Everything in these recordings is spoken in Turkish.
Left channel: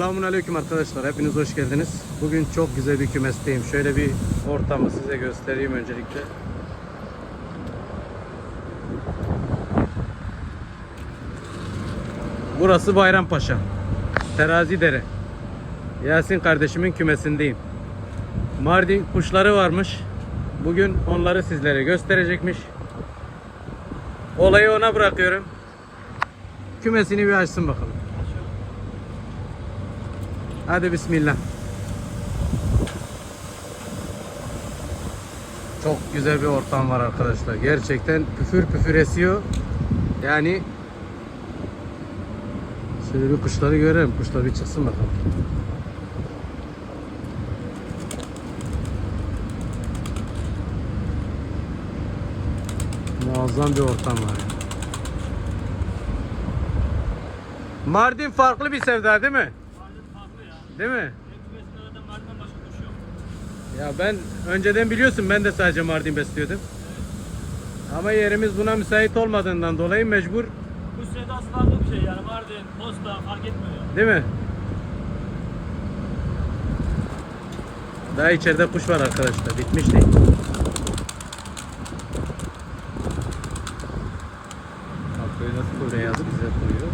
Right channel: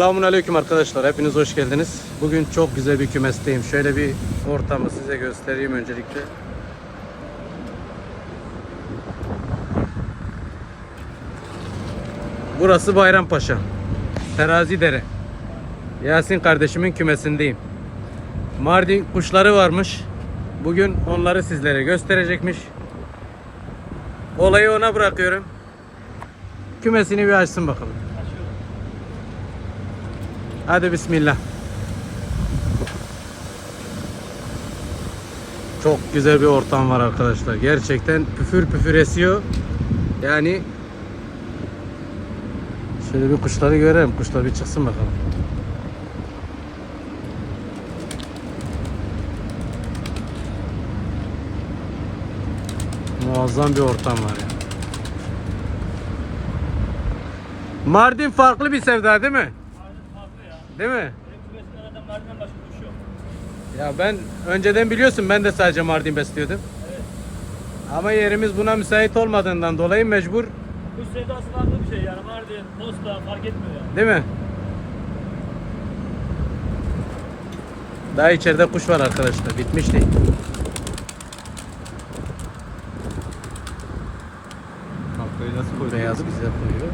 Selamun Aleyküm arkadaşlar. Hepiniz hoş geldiniz. Bugün çok güzel bir kümesteyim. Şöyle bir ortamı size göstereyim öncelikle. Burası Bayrampaşa. Terazi Dere. Yasin kardeşimin kümesindeyim. Mardin kuşları varmış. Bugün onları sizlere gösterecekmiş. Olayı ona bırakıyorum. Kümesini bir açsın bakalım. Hadi bismillah. Çok güzel bir ortam var arkadaşlar. Gerçekten püfür püfür esiyor. Yani şöyle bir kuşları görelim. Kuşlar bir çıksın bakalım. Muazzam bir ortam var ya. Mardin farklı bir sevda değil mi? Değil mi? Kümesimlerden Mardin'den başka kuş yok. Ya ben önceden biliyorsun ben de sadece Mardin besliyordum. Evet. Ama yerimiz buna müsait olmadığından dolayı mecbur Kuş sevdası farklı bir şey yani. Mardin, Posta fark etmiyor yani. değil mi? Daha içeride kuş var arkadaşlar. Bitmiş değil. Kafayı nasıl koyuyor? Beyaz güzel koyuyor.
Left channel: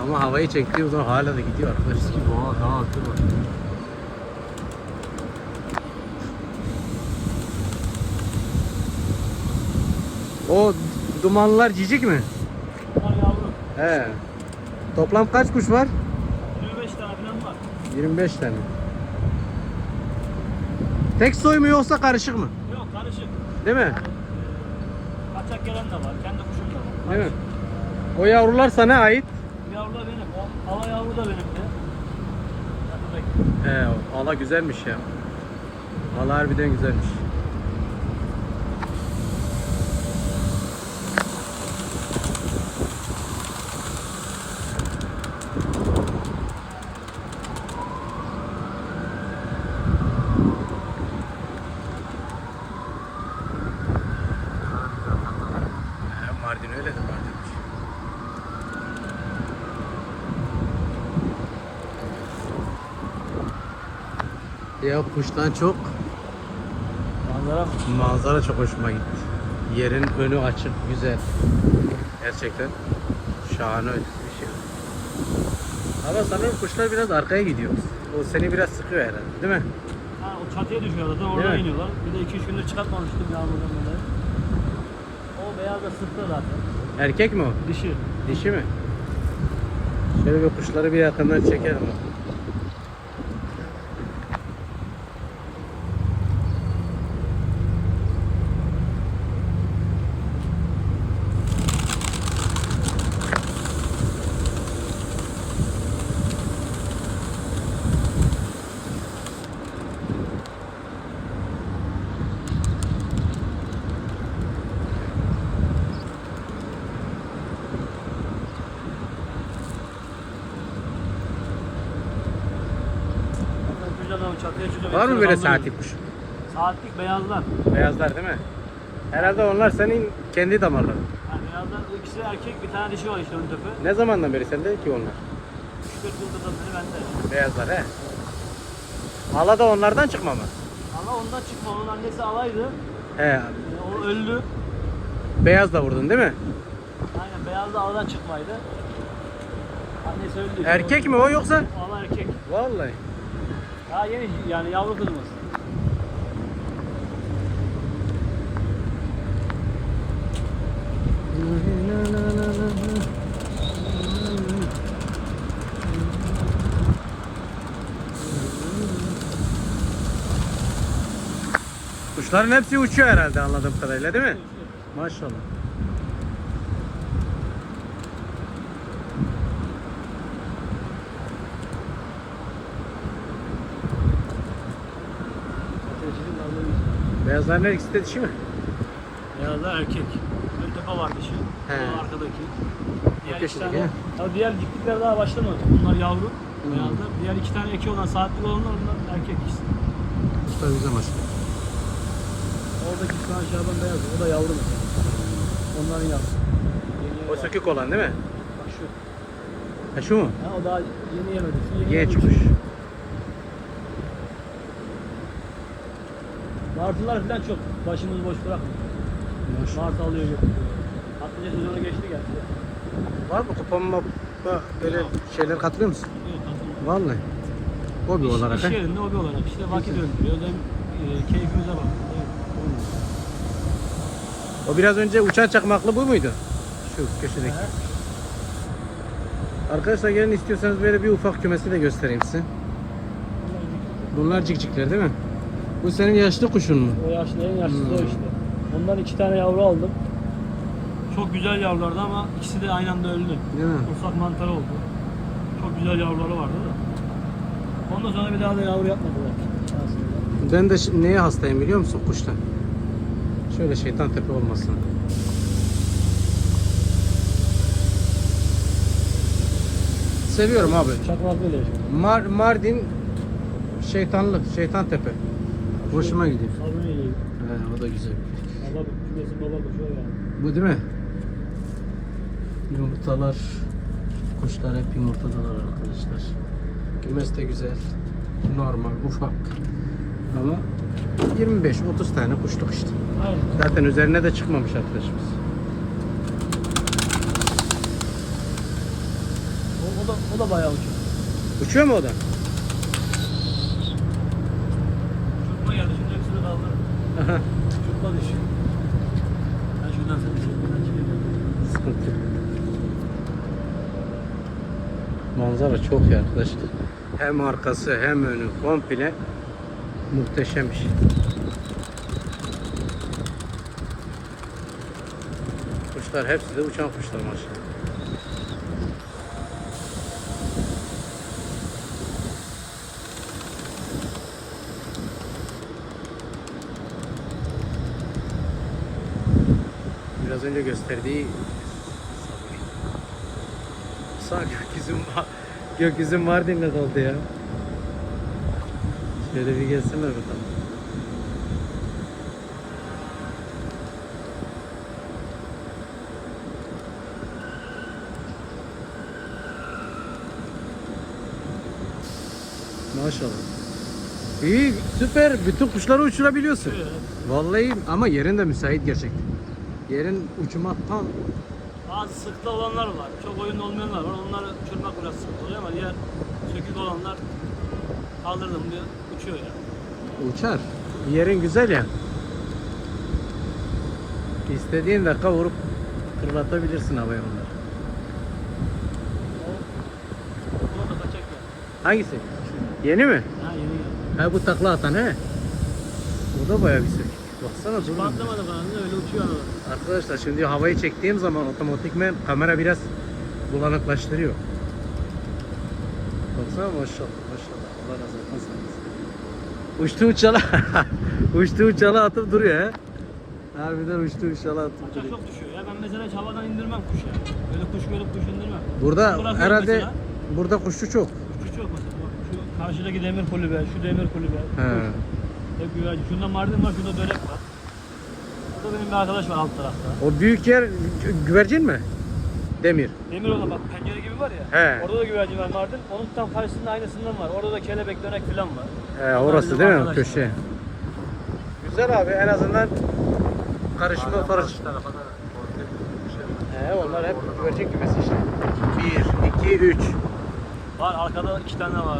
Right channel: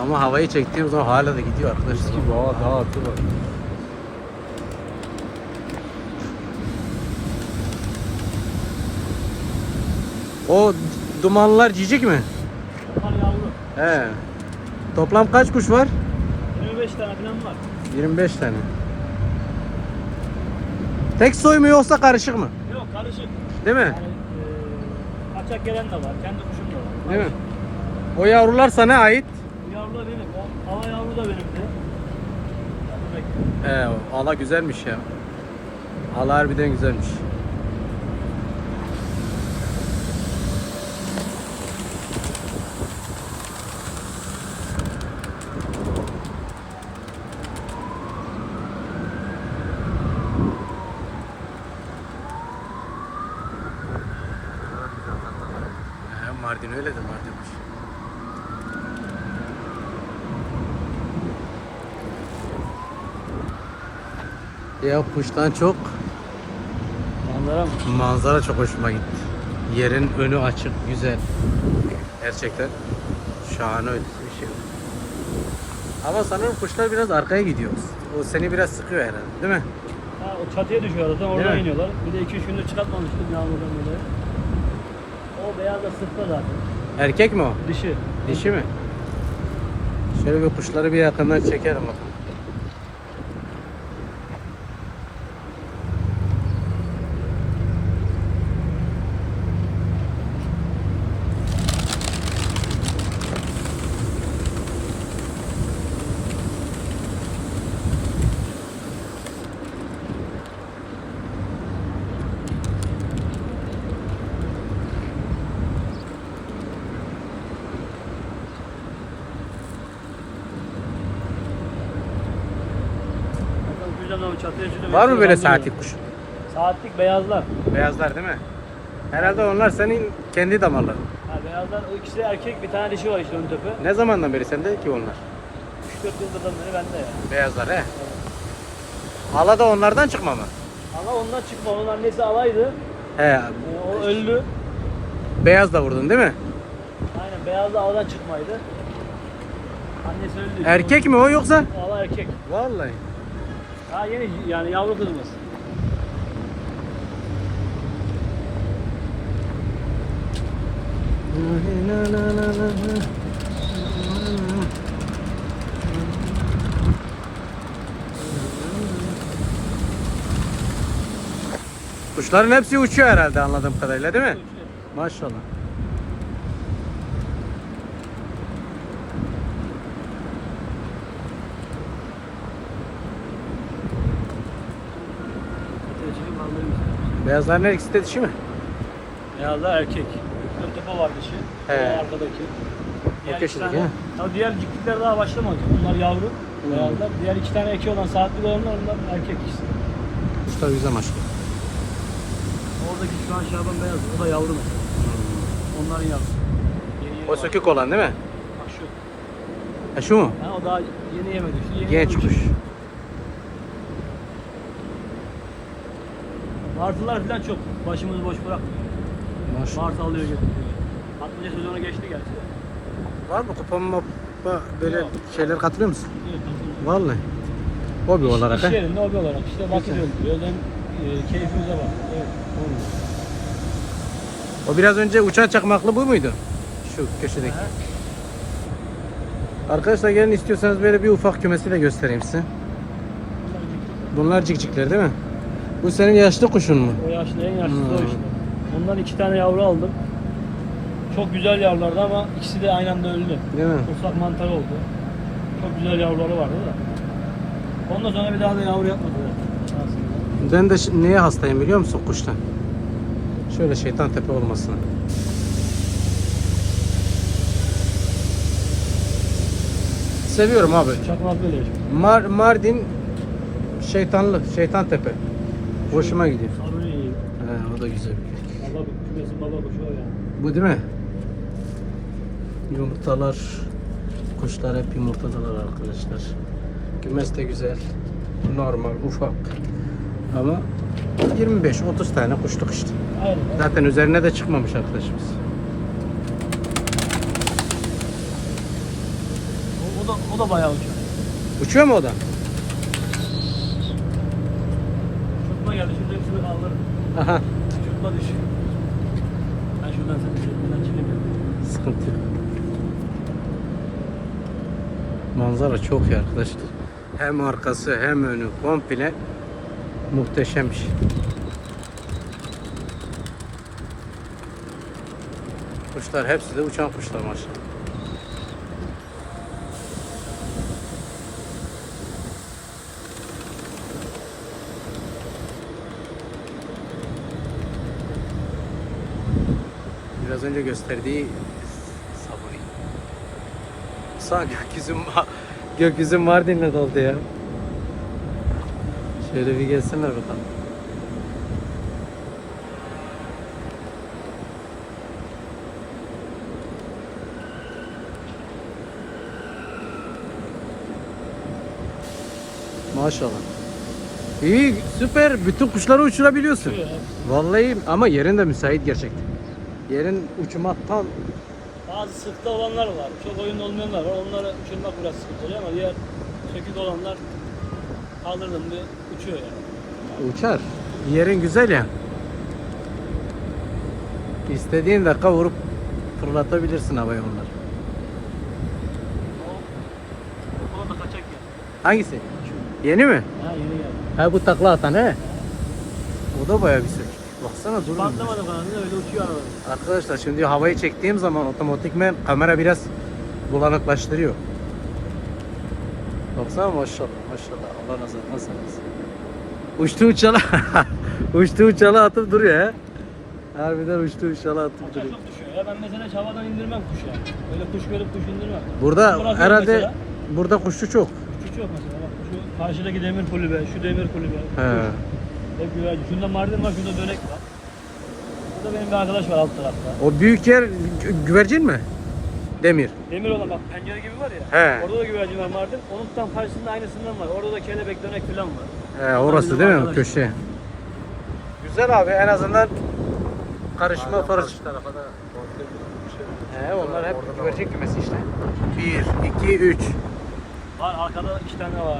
Ama havayı çektiğim zaman hala da gidiyor arkadaşlar. Eski daha daha atı var. O dumanlar cicik mi? Bunlar yavru. He. Toplam kaç kuş var? 25 tane falan var. 25 tane. Tek soy mu yoksa karışık mı? Yok karışık. Değil mi? Yani, e, kaçak gelen de var. Kendi kuşum da var. Değil mi? O yavrular sana ait. Bu yavru da benim. O hava yavru da benimdi. He, valla güzelmiş ya. Valla harbiden güzelmiş. He, Mardin öyle de Mardin. Ya kuştan çok Manzara manzara çok hoşuma gitti. Yerin önü açık, güzel. Gerçekten şahane ötesi bir şey. Ama sanırım kuşlar biraz arkaya gidiyor. O seni biraz sıkıyor herhalde, değil mi? Ha, o çatıya düşüyor zaten oradan mi? iniyorlar. Bir de 2-3 günde çıkartmamıştım yağmurdan dolayı. O beyaz da sırtta zaten. Erkek mi o? Dişi. Dişi mi? Şöyle bir kuşları bir yakından çekelim bakalım. Zaten kuşlar da çatıya çıkıyor. Var mı böyle saatlik kuş? Saatlik beyazlar. Beyazlar değil mi? Herhalde onlar senin kendi damarların. Ha, beyazlar o ikisi erkek bir tane dişi var işte ön tepe. Ne zamandan beri sende ki onlar? 3-4 yıldırdan beri bende ya. Beyazlar he. Hala da onlardan çıkma mı? Allah ondan çıkma. Onun annesi alaydı. He. Ee, o öldü. Beyaz da vurdun değil mi? Aynen beyaz da aladan çıkmaydı. Annesi öldü. Erkek mi o yoksa? Ala erkek. Vallahi. Ha yeni yani yavru kızımız. Kuşların hepsi uçuyor herhalde anladığım kadarıyla değil mi? Maşallah. Beyazların her ikisi de dişi mi? Beyazlar erkek. Ön tepe var dişi. He. O arkadaki. Diğer köşedeki, iki tane- he? Tabii diğer ciklikler daha başlamadı. Bunlar yavru. Hmm. Beyazlar. Diğer iki tane eki olan saatlik olanlar onlar erkek işte. Usta güzel maşallah. Oradaki şu aşağıdan biraz o da yavru. Onlar yavru. Yeni- O sökük olan değil mi? Şu. Ha şu mu? O daha yemedi. Şu yeni Genç Martılar falan çok. Başımızı boş bırakmıyor. Maşallah. Martı alıyor götürüyor. Patlıca sezonu geçti gerçi. Var mı kuponla böyle Yok. şeyler katılıyor musun? Yok, patlıca. Vallahi. Hobi olarak İş ha. yerinde hobi olarak işte vakit öldürüyoruz. Hem e, keyfimize bak. Evet. O biraz önce uçan çakmaklı bu muydu? Şu kesinlikle. Arkadaşlar gelin istiyorsanız böyle bir ufak kümesi de göstereyim size. Bunlar cikcikler değil mi? Bu senin yaşlı kuşun mu? O yaşlı en yaşlısı Hmm. o işte. Bundan iki tane yavru aldım. Çok güzel yavrulardı ama ikisi de aynı anda öldü. Değil mi? Ufak mantar oldu. Çok güzel yavruları vardı da. Ondan sonra bir daha da yavru yapmadılar. Ben de neye hastayım biliyor musun kuştan? Şöyle şeytan tepe olmasına. Seviyorum abi. Mar Mardin şeytanlık, şeytan tepe. Hoşuma gidiyor. He, o da güzel. Bu değil mi? Yumurtalar, kuşlar hep yumurtadalar arkadaşlar. Kümes de güzel, normal, ufak. Ama 25-30 tane kuşluk işte. Aynen. Zaten üzerine de çıkmamış arkadaşımız. O da, o da bayağı uçuyor. Uçuyor mu o da? Hepsini kaldırdım. Aha. Çökme düşüyor. Ben şuradan sana çekmeden çekebilirim. Sıkıntı yok. Manzara çok iyi arkadaşlar. Hem arkası hem önü komple muhteşem bir şey. Kuşlar hepsi de uçan kuşlar maşallah. Biraz önce gösterdiği sabah. Sağ gökyüzüm, gökyüzüm Mardin'le doldu ya. Şöyle bir gelsinler bakalım. Maşallah. İyi, süper. Bütün kuşları uçurabiliyorsun. Vallahi ama yerin de müsait gerçekten. Yerin uçuma tam Bazı sıkta olanlar var. Çok oyun olmayanlar var. Onları uçurmak biraz sıkıntı oluyor ama diğer sökük olanlar kaldırdım diye uçuyor yani. uçar. Yerin güzel ya. İstediğin dakika vurup fırlatabilirsin havaya onları. Hangisi? Yeni mi? Ha yeni geldi. Ha bu takla atan he. O da bayağı güzel. Baksana dur. Patlamadı kanalında öyle uçuyor aralar. Arkadaşlar şimdi havayı çektiğim zaman otomatikmen kamera biraz bulanıklaştırıyor. Baksana maşallah maşallah Allah nasıl nasıl. Uçtu uçalı uçtu uçalı atıp duruyor he. Harbiden uçtu uçalı atıp Uçak duruyor. çok düşüyor ya. Ben mesela hiç havadan indirmem kuş yani. Böyle kuş görüp kuş indirmem. Burada Bırakıyorum herhalde mesela. burada kuşçu çok. Kuşçu çok mesela bak. Şu karşıdaki demir kulübe, şu demir kulübe. He. O güvercin. Şunda mardin var, şunda dönek var. Burada benim bir arkadaş var alt tarafta. O büyük yer gü- güvercin mi? Demir. Demir olan bak pencere gibi var ya. He. Orada da güvercin var mardin. Onun tam karşısında aynısından var. Orada da kelebek dönek falan var. He, orası değil mi? Köşe. Güzel abi en azından karışma farış. Şey var. onlar hep Orada da var. güvercin kümesi işte. 1, 2, 3. Ar- Arkada iki tane var.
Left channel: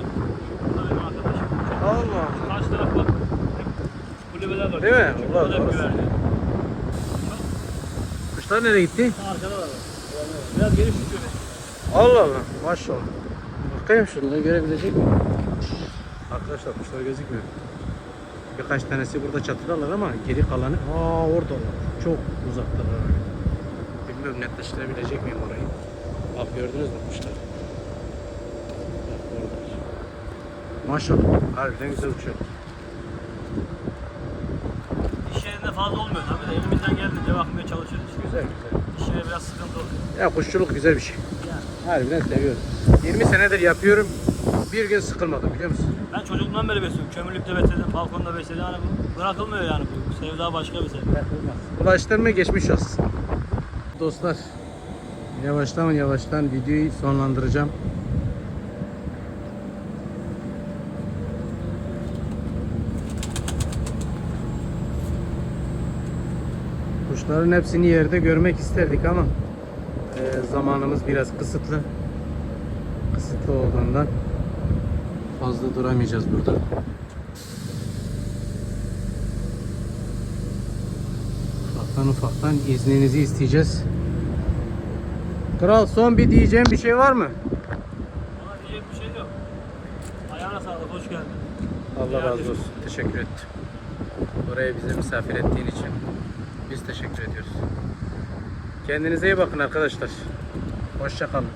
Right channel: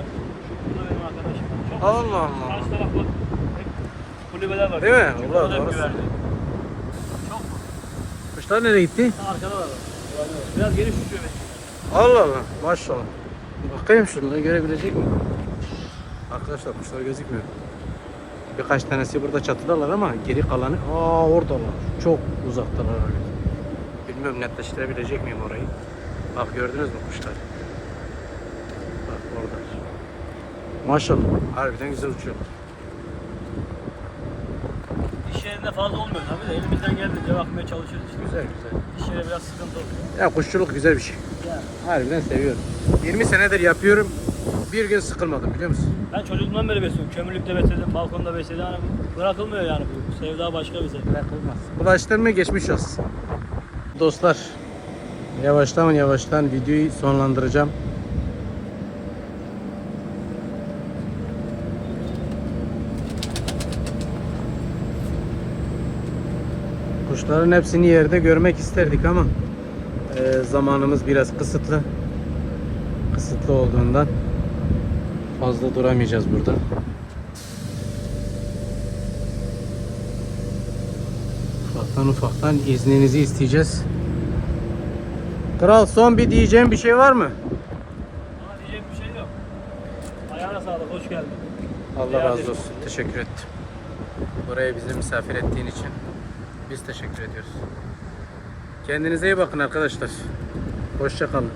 Bu da benim arkadaşım. Çok Allah Allah. Karşı taraf bak. Hep kulübeler var. Değil mi? Burası, güzel orası. güvercin. Kuşlar nereye gitti? Arkada var. Biraz geniş tutuyor. Allah Allah. Maşallah. Bakayım şunları görebilecek miyim? Arkadaşlar kuşlar gözükmüyor. Birkaç tanesi burada çatıdalar ama geri kalanı aa oradalar. Çok uzaktalar. Bilmiyorum netleştirebilecek miyim orayı. Bak gördünüz mü kuşlar? Bak orada. Maşallah. Harbiden güzel uçuyor. İş yerinde fazla olmuyor tabii de elimizden geldiğince bakmaya çalışıyoruz işte. Güzel güzel. İş yeri biraz sıkıntı oluyor. Ya kuşçuluk güzel bir şey. Yani Harbiden seviyorum. 20 senedir yapıyorum. Bir gün sıkılmadım biliyor musun? ben çocukluğumdan beri besliyorum. Kömürlükte besledim, balkonda besledim. Bu bırakılmıyor yani bu. Sevda başka bir şey. Ulaştırma geçmiş olsun. Dostlar yavaştan yavaştan videoyu sonlandıracağım. Kuşların hepsini yerde görmek isterdik ama e, zamanımız biraz kısıtlı. Kısıtlı olduğundan fazla duramayacağız burada. Ufaktan ufaktan izninizi isteyeceğiz. Kral son bir diyeceğim bir şey var mı? Ama diyecek bir şey yok. Ayağına sağlık, hoş geldin. Allah razı olsun. Teşekkür ettim. Buraya bizi misafir ettiğin için biz teşekkür ediyoruz. Kendinize iyi bakın arkadaşlar. Hoşça kalın.